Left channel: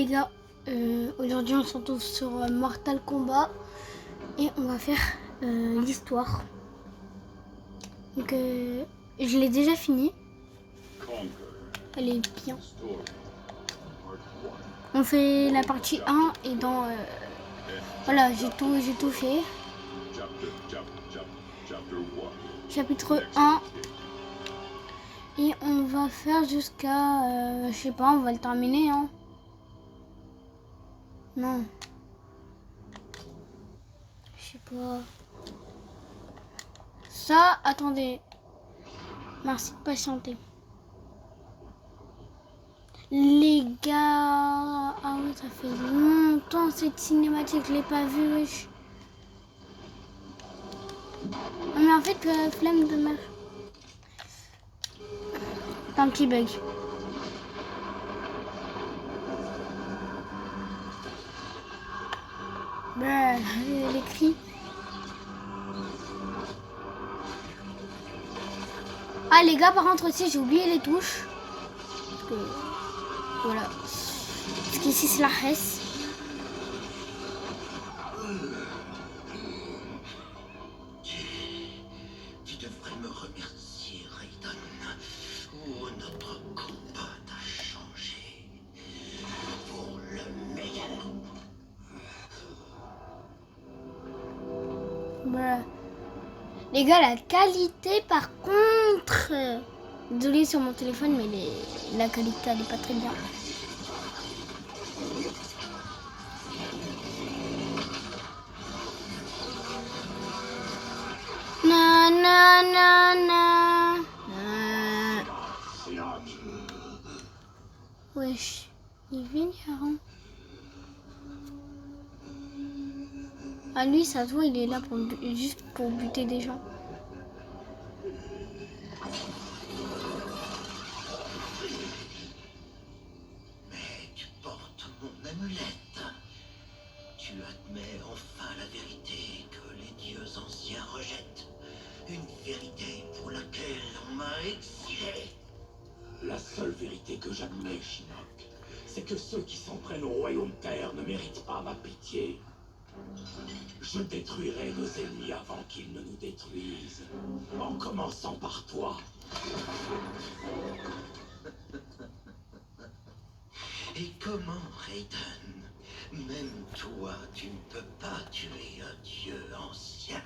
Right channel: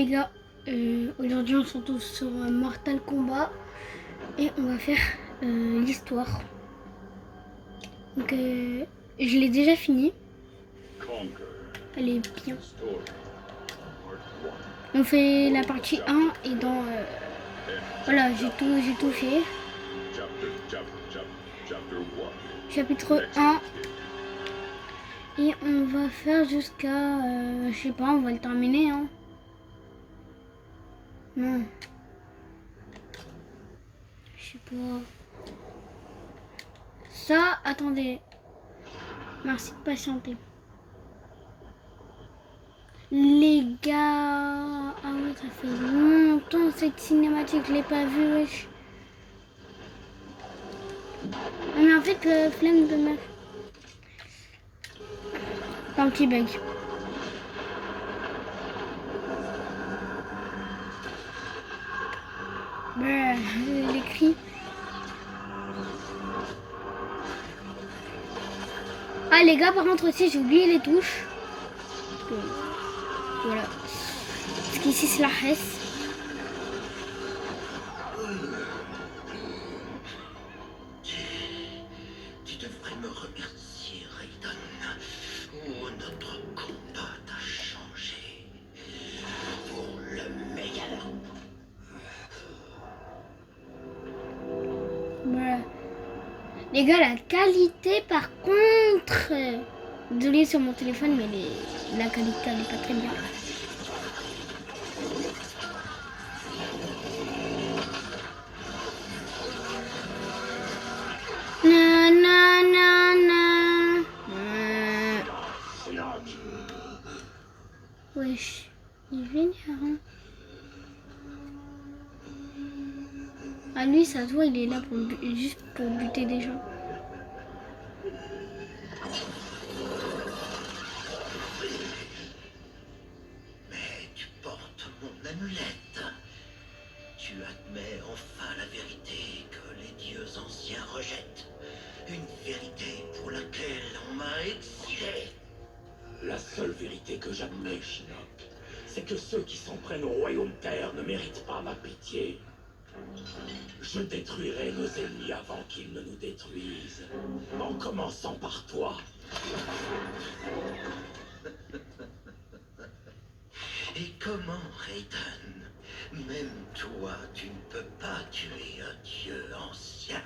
les gars, aujourd'hui on se retrouve sur Mortal Kombat et on va faire l'histoire. Donc je l'ai déjà fini. Elle est bien. On fait la partie 1 et dans... voilà, j'ai tout fait. Chapitre 1. Et on va faire jusqu'à... je sais pas, on va le terminer, hein. Non. Je sais pas. Ça, attendez. Merci de patienter. Les gars... Ah oui, ça fait longtemps cette cinématique, je l'ai pas vue. Mais en fait, flemme de meuf. Un petit bug. Les cris. Ah les gars, par contre aussi, j'ai oublié les touches. Voilà. Parce qu'ici c'est la Hesse. Tu devrais me remercier, Raiden. Oh, notre combat a changé. Pour le meilleur. Voilà. Les gars, la qualité par contre... Désolée sur mon téléphone, mais la qualité elle n'est pas très bien. Wesh, il vient hein. Ah lui, ça se voit, il est là pour juste pour buter des gens. Mais tu portes mon amulette. Tu admets enfin la vérité que les dieux anciens rejettent. Une vérité pour laquelle on m'a exilé. La seule vérité que j'admets, Shinnok, c'est que ceux qui s'en prennent au royaume terre ne méritent pas ma pitié. Je détruirai nos ennemis avant qu'ils ne nous détruisent, en commençant par toi. Et comment, Raiden? Même toi, tu ne peux pas tuer un dieu ancien.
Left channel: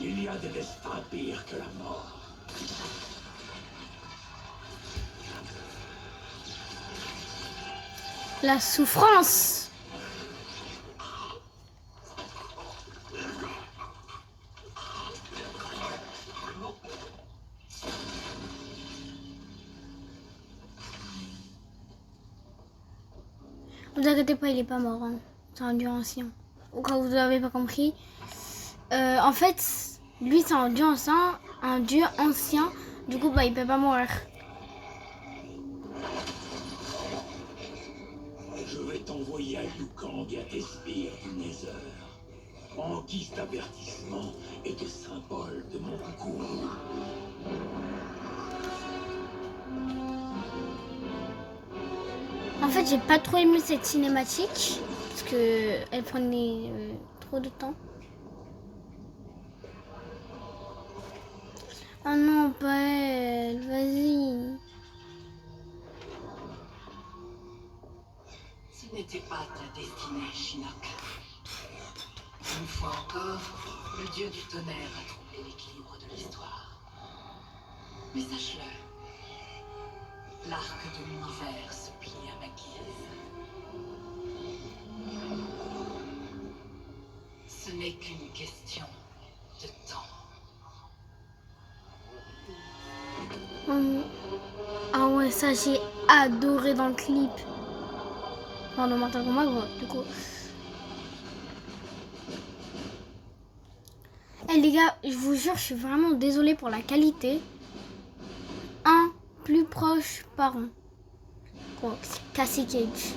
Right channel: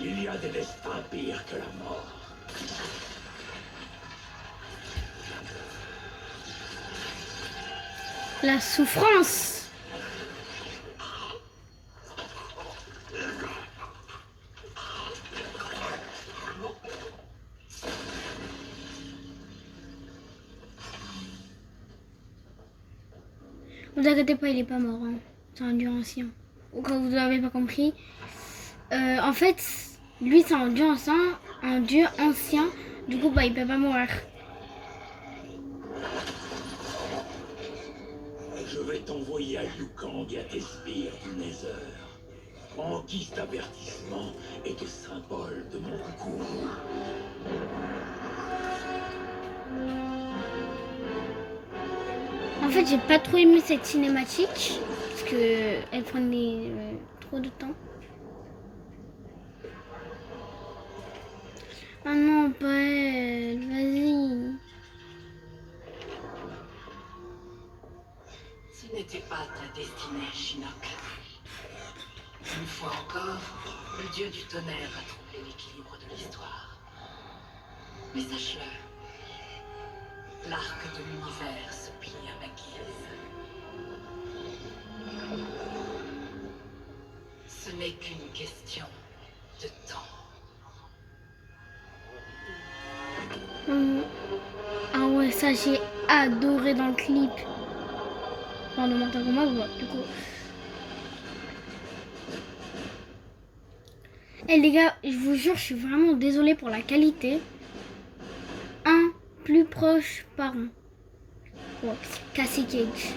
Il y a des destins pires que la mort. La souffrance. Ne vous inquiétez pas, il est pas mort. Hein. C'est un dieu ancien. Ou quand vous n'avez pas compris. En fait, lui c'est un dieu ancien. Du coup, bah, il peut pas mourir. Je vais t'envoyer à Yukang et à tes sbires du Nether, en guise d'avertissement et de symbole de mon goût. En fait, j'ai pas trop aimé cette cinématique parce que elle prenait trop de temps. Oh non, pas elle, vas-y. Ce n'était pas ta destinée, Shinnok. Une fois encore, le dieu du tonnerre a troublé l'équilibre de l'histoire. Mais sache-le, l'arc de l'univers se plie à ma guise. Ce n'est qu'une question de temps. Ah ouais, ça j'ai adoré dans le clip. Enfin, dans Mortal Kombat, du coup. Eh les gars, je vous jure, je suis vraiment désolée pour la qualité. Un plus proche par an. Pour Cassie Cage.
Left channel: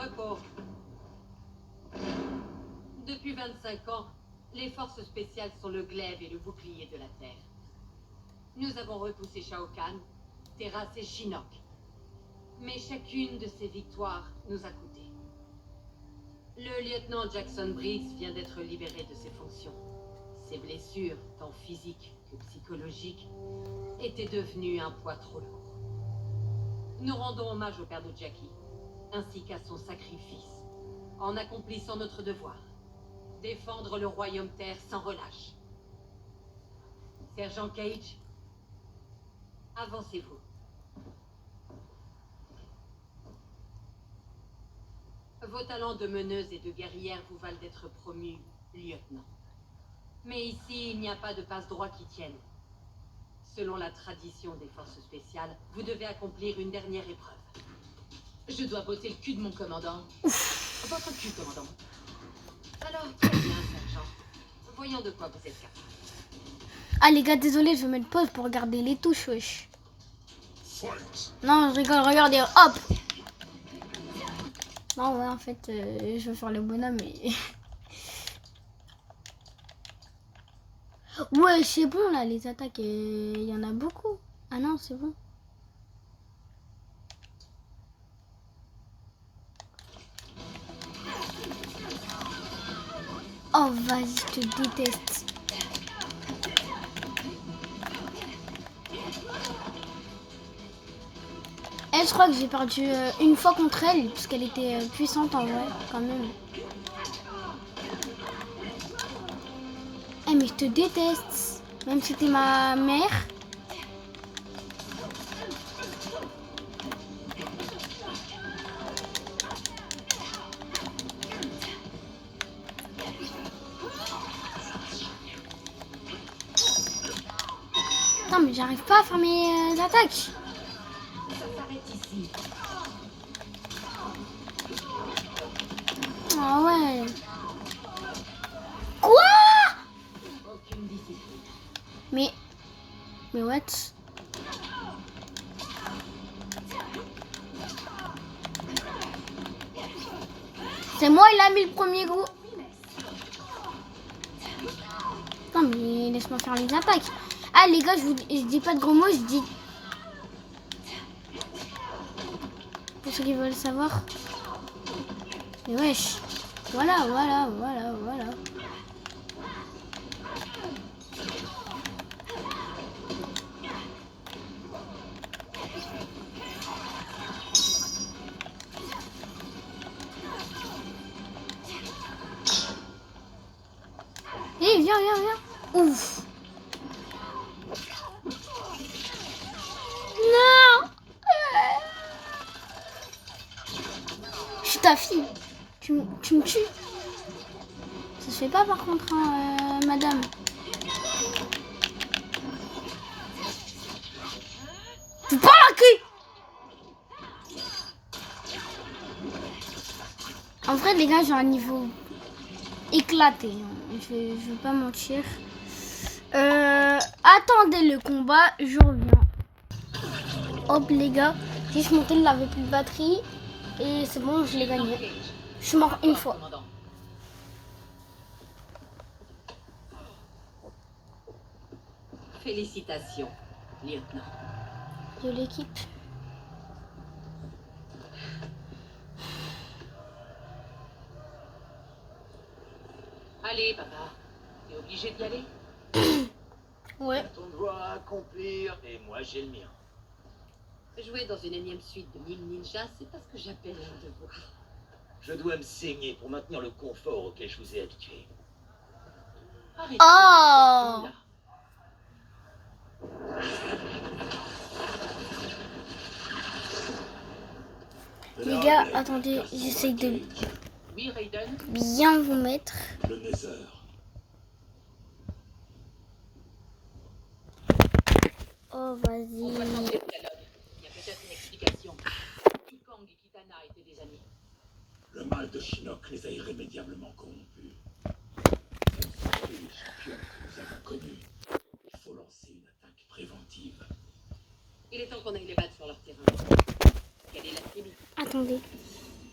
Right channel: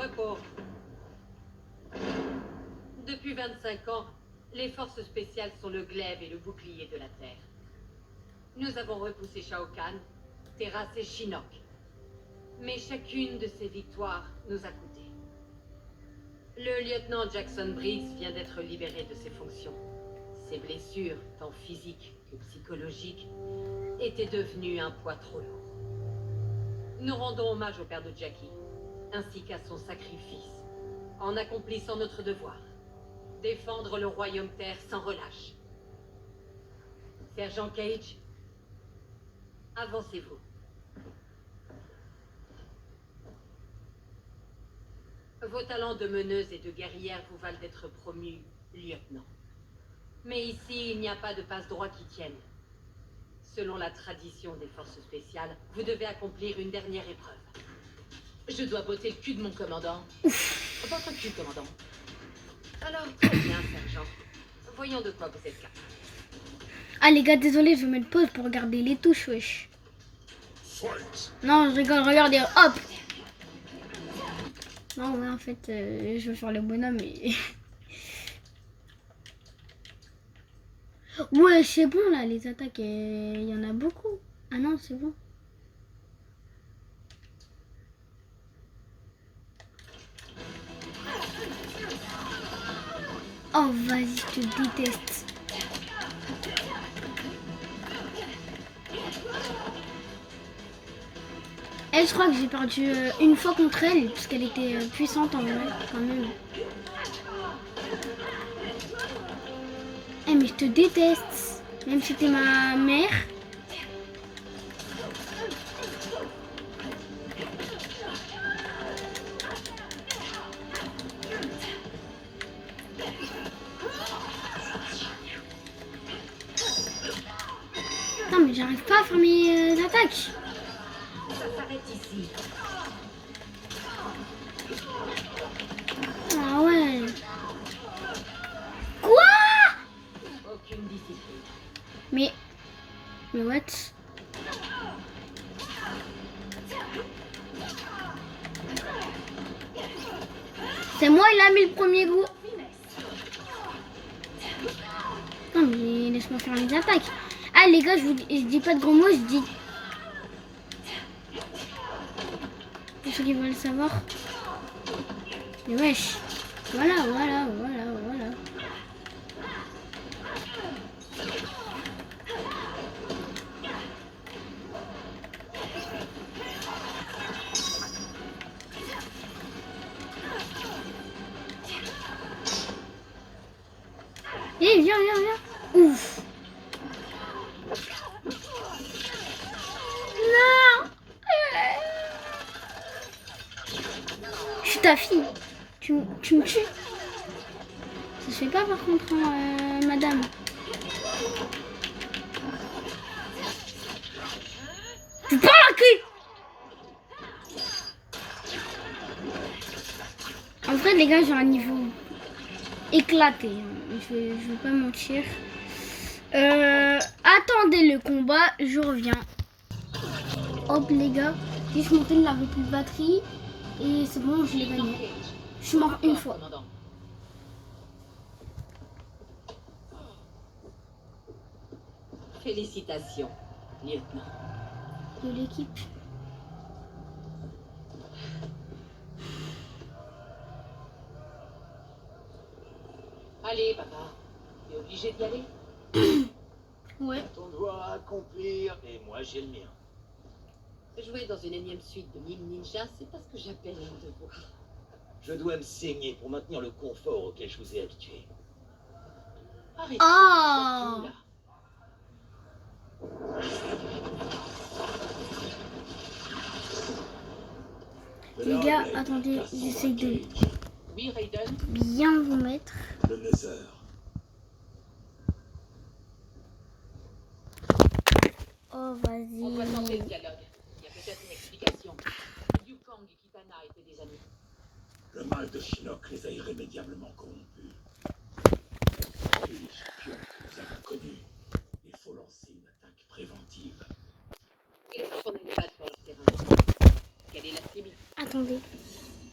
repos. Depuis 25 ans, les forces spéciales sont le glaive et le bouclier de la Terre. Nous avons repoussé Shao Kahn, terrassé Shinnok. Mais chacune de ces victoires nous a coûté. Le lieutenant Jackson Briggs vient d'être libéré de ses fonctions. Ses blessures, tant physiques que psychologiques, étaient devenues un poids trop lourd. Nous rendons hommage au père de Jackie, ainsi qu'à son sacrifice, en accomplissant notre devoir. Défendre le royaume Terre sans relâche. Sergent Cage, avancez-vous. Vos talents de meneuse et de guerrière vous valent d'être promu lieutenant. Mais ici, il n'y a pas de passe-droit qui tienne. Selon la tradition des forces spéciales, vous devez accomplir une dernière épreuve. Je dois botter le cul de mon commandant. Votre cul, commandant. Alors, très bien, sergent. Voyons de quoi vous êtes capable. Ah les gars, désolé, je vais mettre pause pour regarder les touches, wesh. Non, je rigole, regardez, hop. Non, ouais, en fait, je vais faire le bonhomme et... Ouais, c'est bon, là, les attaques, il y en a beaucoup. Ah non, c'est bon. Oh, vas-y, je te déteste. Elle, je crois que j'ai perdu une fois contre elle, puisqu'elle était puissante en vrai, quand même. Eh, mais je te déteste. Même si t'es ma mère. Non, mais j'arrive pas à faire mes attaques. Ça s'arrête ici. Ah ouais. Quoi? Aucune discipline. Mais what? C'est moi, il a mis le premier coup. Non mais laisse-moi faire les attaques. Ah les gars, je dis pas de gros mots, je dis... Pour ceux qui veulent savoir. Mais wesh. Voilà. Eh, viens. Ouf. Non. Je suis ta fille. Tu me tues. Ça se fait pas par contre, hein, madame. Tu parles à qui? En vrai, les gars, j'ai un niveau éclaté. Je vais pas mentir. Attendez le combat, je reviens. Hop, les gars. J'ai monté, il n'avait plus de batterie. Et c'est bon, je l'ai gagné. Je suis mort une fois. Commandant. Félicitations, lieutenant. De l'équipe. Allez, papa. T'es obligé d'y aller? Ouais. Ton devoir à accomplir, et moi j'ai le mien. Jouer dans une énième suite de Mille Ninja, c'est pas ce que j'appelle un devoir. Je dois me saigner pour maintenir le confort auquel je vous ai habitué. Arrêtez. Oh. surtout là. Les gars, attendez, j'essaye de Oui, Raiden. bien vous mettre. Le Nether. Oh, On doit vas-y. changer le dialogue. Il y a peut-être une explication. Yukong et Kitana étaient des amis. Le mal de Shinnok les a irrémédiablement corrompus. Et les champions que nous avons connus, il faut lancer une attaque préventive. Il est temps qu'on aille les battre sur leur terrain. Quelle est la cible? Attendez.